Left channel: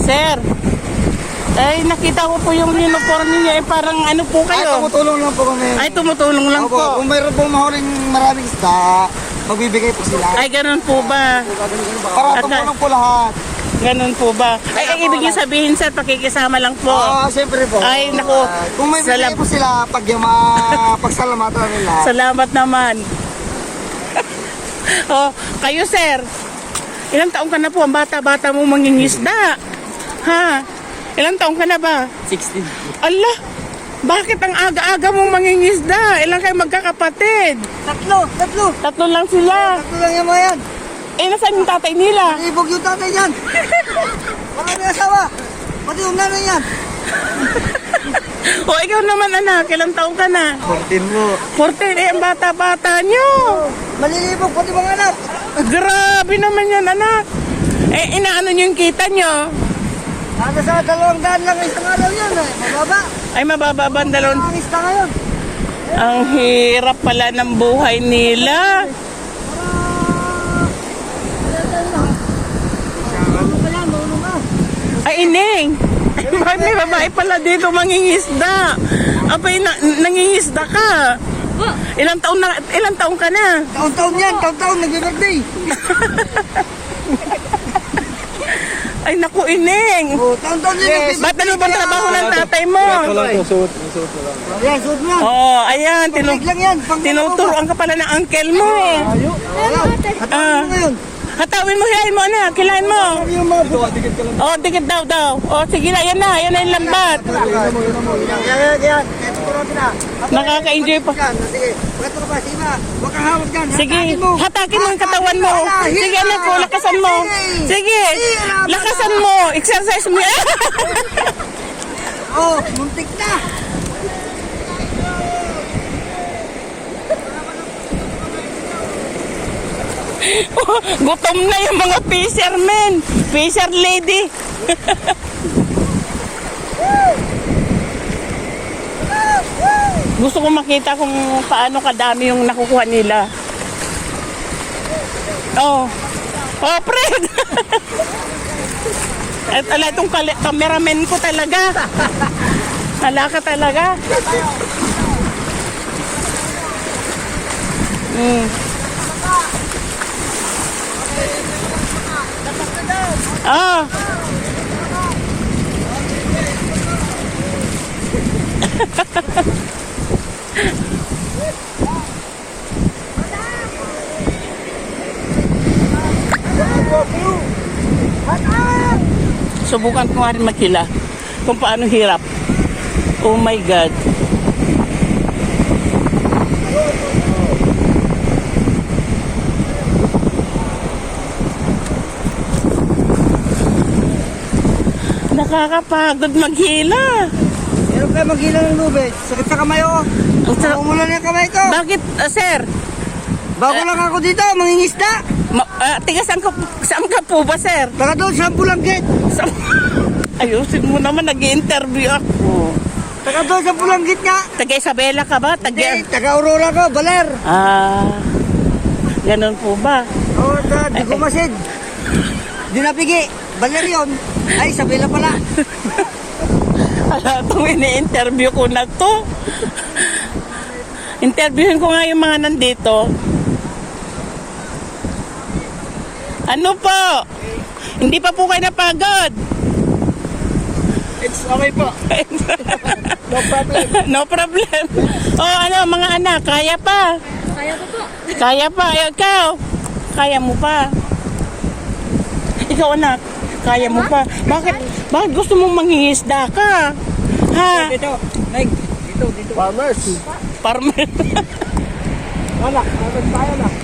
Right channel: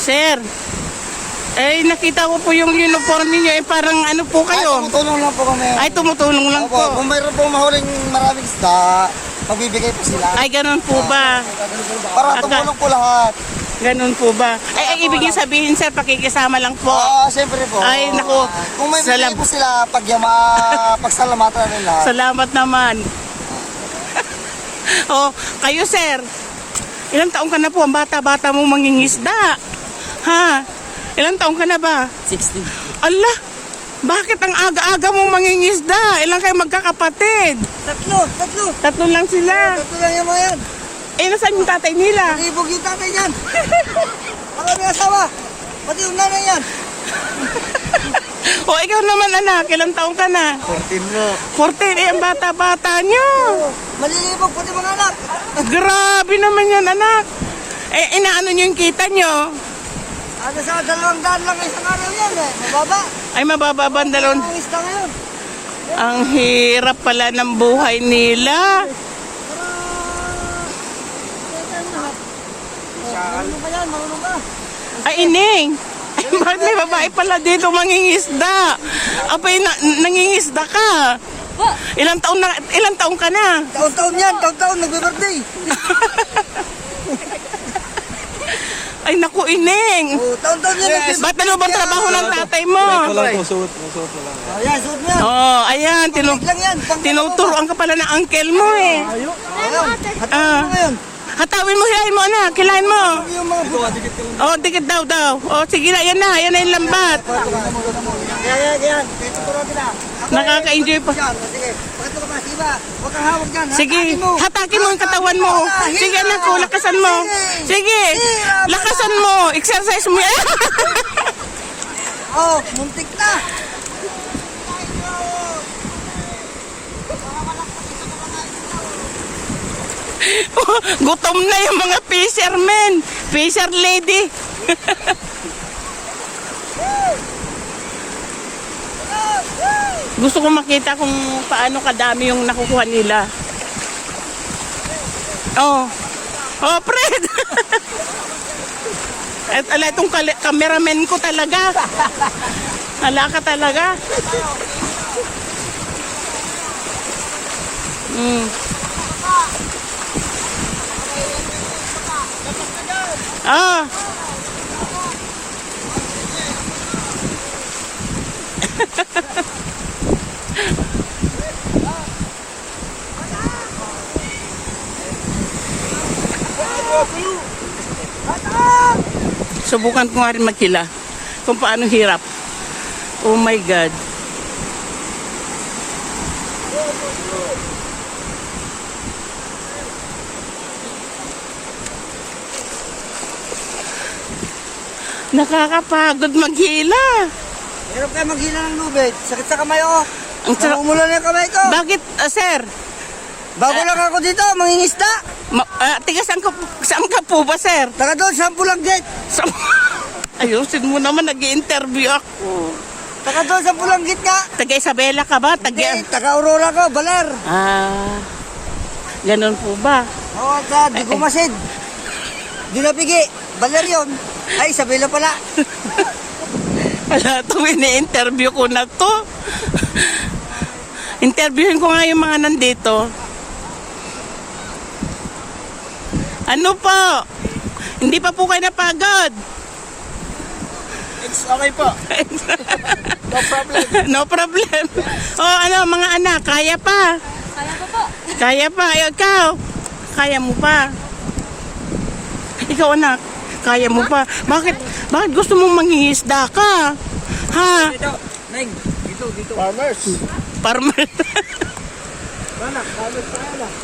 Sir, nakita ko po yung uniform niyo, parang ano po Ay, kayo? tumutulong lang po kami. Ay, tumutulong lang Opo, po. kung mayroon po mahuling maraming isda, magbibigay po sila. Ay, ganun po ba? Para tumulong po lahat. Ganun po ba? Ay, ibig niyo sabihin, sir, pakikisama lang po. Oo, siyempre po. Ay, naku. Kung may bibigay po sila, pagsalamatan nila. Salamat naman. Oh, kayo, sir. Ilang taong ka na po? Ang bata-bata mong mangingisda. Ha? Ilang taong ka na ba? 16. Allah, bakit ang aga-aga mong mangingisda? Ilang kayo magkakapatid? Tatlo lang sila. Tatlo lang yung mga yan. Nasaan yung tatay nila? Ibog yung tatay yan. Marami asawa. Pati yung nanay yan. O, ikaw naman, anak. Ilang taong ka na? 14 mo. 14, ang bata-bata nyo. Malilibog pati mga anak. Grabe naman yan, anak. Inaano nyo yung kita nyo? Ano sa 200 lang isang araw yan eh. Mababa. Ay, mababa ba ang dalawang? Ang isda ngayon. Ang hirap pala ng buhay nila. Ay, Ining. Bakit may babae pala dito mangingisda? Apay, nangingisda ka. Ilang taon ka na? Taon-taon yan. Taon-taon nagbe-birthday. Ay, naku, Ining. Oh, taon-taon yan. Ba't ano ba trabaho ng tatay mo? Ayan, suot mo yan. Oh, ayan. Panglig lang yan. Tinuturuan ka pala ng uncle mo eh. Ano ngayon? Hatawin mo, hilahin mo, anak. Hilahin mo. Yung mga buwa, dikit ka lang. Oh, dikit daw. Oh, sige na, yan na. Yan na yung lambat. Yan. Tuturo kita. Nakaka-enjoy pa. Sige. Pagkato ka pa, siba. Huwag kang hawak dyan. Sige, hatakin mo yung katawan mo. Sige, anak ko, lakasan mo. Sige, lakasan mo. Exercise mo yan. Oh, muntik na. Gutom na yung mga fishermen. Fisher lady. Gusto ko makita kung paano kadami yung nakukuha nila. Oh, Fred. At ala, itong cameraman ko talaga. Ala ka talaga. Ah. Subukan ko nga rin maghila kung paano hirap. Oh my God. Nakakapagod maghila. Meron kayo maghila ng lubid. Sakit sa kamay ako. Ang sarap. Namumula na yung kamay ko. Bakit, sir? Bago lang ako dito, mangingisda. Tiga, saan ka po ba, sir? Taga doon sa Bulanggit. Ayusin mo naman, nag-i-interview ako. Taga doon sa Bulanggit nga. Taga Isabela ka ba? Taga Aurora ko, Baler. Ganun po ba? Oo, di ko masid. Di napigi. Baler yun. Ay, Isabela pala. Ala, itong ini-interview ko na to. Interviewin ko nga yung mga nandito. Ano po? Hindi pa po kayo napagod? It's okay po. No problem. No problem. Oh, ano, mga anak, kaya pa? Kaya ko po. Kaya pa. Ikaw, kaya mo pa? Ikaw, anak, kaya mo pa? Bakit gusto mong mangingisda ka? Ha? Dito. Farmers. Farmer. Anak, ano pa anak?